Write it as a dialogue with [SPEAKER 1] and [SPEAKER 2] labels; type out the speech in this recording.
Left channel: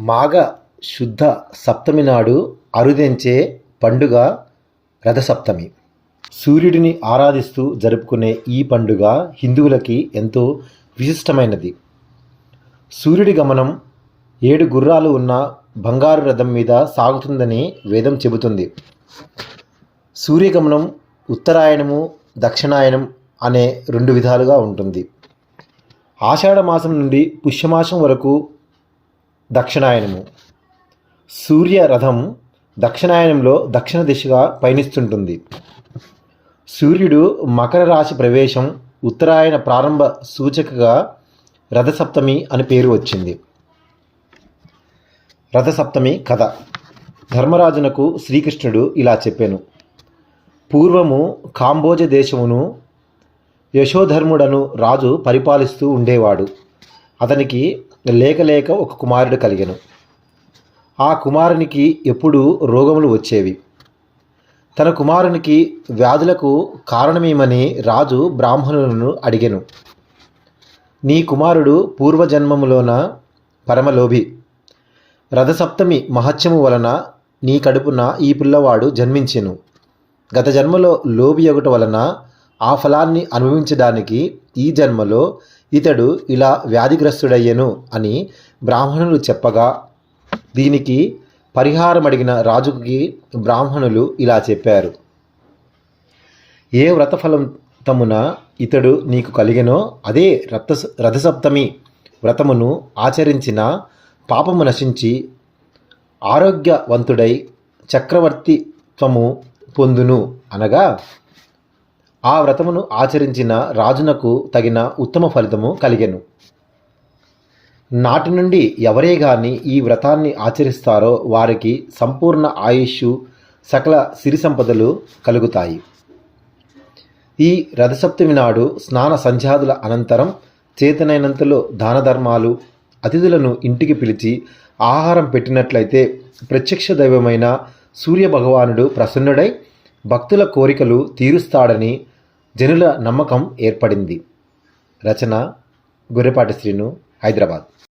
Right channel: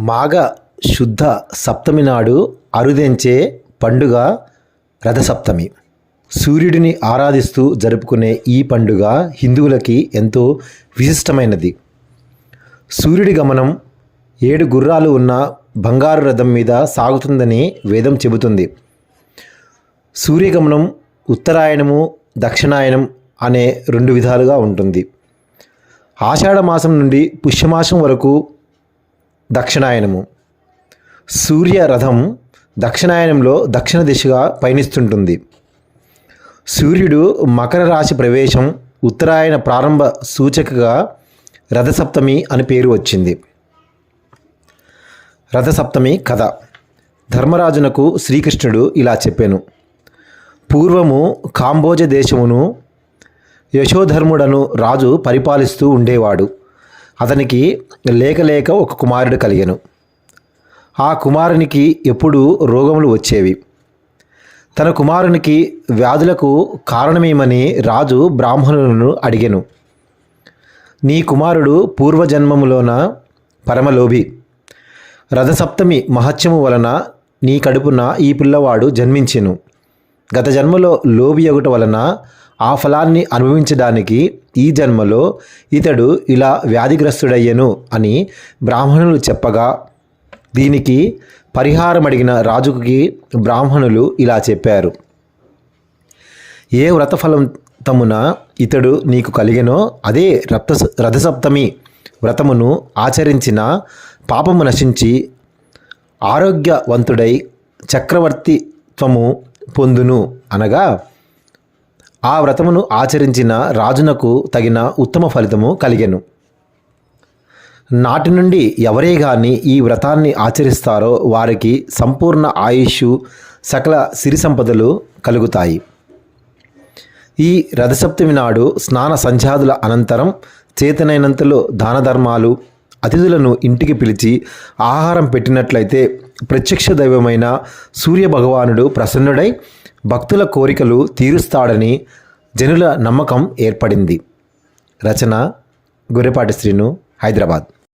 [SPEAKER 1] మాఘ శుద్ధ సప్తమి నాడు అరుదెంచే పండుగ రథసప్తమి. సూర్యుడిని ఆరాధిస్తూ జరుపుకునే ఈ పండుగ హిందువులకి ఎంతో విశిష్టమైనది. సూర్యుడి గమనం ఏడు గుర్రాలు ఉన్న బంగారు రథం మీద సాగుతుందని వేదం చెబుతుంది. సూర్యగమనం ఉత్తరాయణము దక్షిణాయనం అనే రెండు విధాలుగా ఉంటుంది. ఆషాఢ మాసం నుండి పుష్యమాసం వరకు దక్షిణాయనము. సూర్య రథం దక్షిణాయనంలో దక్షిణ దిశగా పయనిస్తుంటుంది. సూర్యుడు మకర రాశి ప్రవేశం ఉత్తరాయణ ప్రారంభ సూచకగా రథసప్తమి అని పేరు వచ్చింది. రథసప్తమి కథ. ధర్మరాజునకు శ్రీకృష్ణుడు ఇలా చెప్పాను. పూర్వము కాంబోజ దేశమును యశోధర్ముడను రాజు పరిపాలిస్తూ ఉండేవాడు. అతనికి లేక లేక ఒక కుమారుడు కలిగాను. ఆ కుమారునికి ఎప్పుడూ రోగములు వచ్చేవి. తన కుమారునికి వ్యాధులకు కారణమేమని రాజు బ్రాహ్మణులను అడిగాను. నీ కుమారుడు పూర్వజన్మములోన పరమలోభి. రథసప్తమి మహత్యము వలన నీ కడుపున ఈ పిల్లవాడు జన్మించెను. గత జన్మలో లోబి ఒకటి వలన ఆ ఫలాన్ని అనుభవించడానికి ఈ జన్మలో ఇతడు ఇలా వ్యాధిగ్రస్తుడయ్యను అని బ్రాహ్మణులు చెప్పగా దీనికి పరిహారం అడిగిన రాజుకి బ్రాహ్మణులు ఇలా చెప్పారు. ఏ వ్రతఫలంతమున ఇతడు నీకు కలిగెనో అదే రథ రథసప్తమి వ్రతమును ఆచరించిన పాపము నశించి ఆరోగ్యవంతుడై చక్రవర్తిత్వము పొందును అనగా ఆ వ్రతమును ఆచరించిన రాజునకు తగిన ఉత్తమ ఫలితము కలిగెను. నాటి నుండి ఎవరే గాని ఈ వ్రతాన్ని ఆచరిస్తారో వారికి సంపూర్ణ ఆయుష్ సకల సిరి సంపదలు కలుగుతాయి. ఈ రథసప్తమి నాడు స్నాన సంధ్యాదుల అనంతరం చేతనైనంతలో దాన ధర్మాలు అతిథులను ఇంటికి పిలిచి ఆహారం పెట్టినట్లయితే ప్రత్యక్ష దైవమైన సూర్య భగవానుడు ప్రసన్నుడై భక్తుల కోరికలు తీరుస్తాడని జనుల నమ్మకం ఏర్పడింది. రచన గొర్రెపాటి శ్రీను హైదరాబాద్.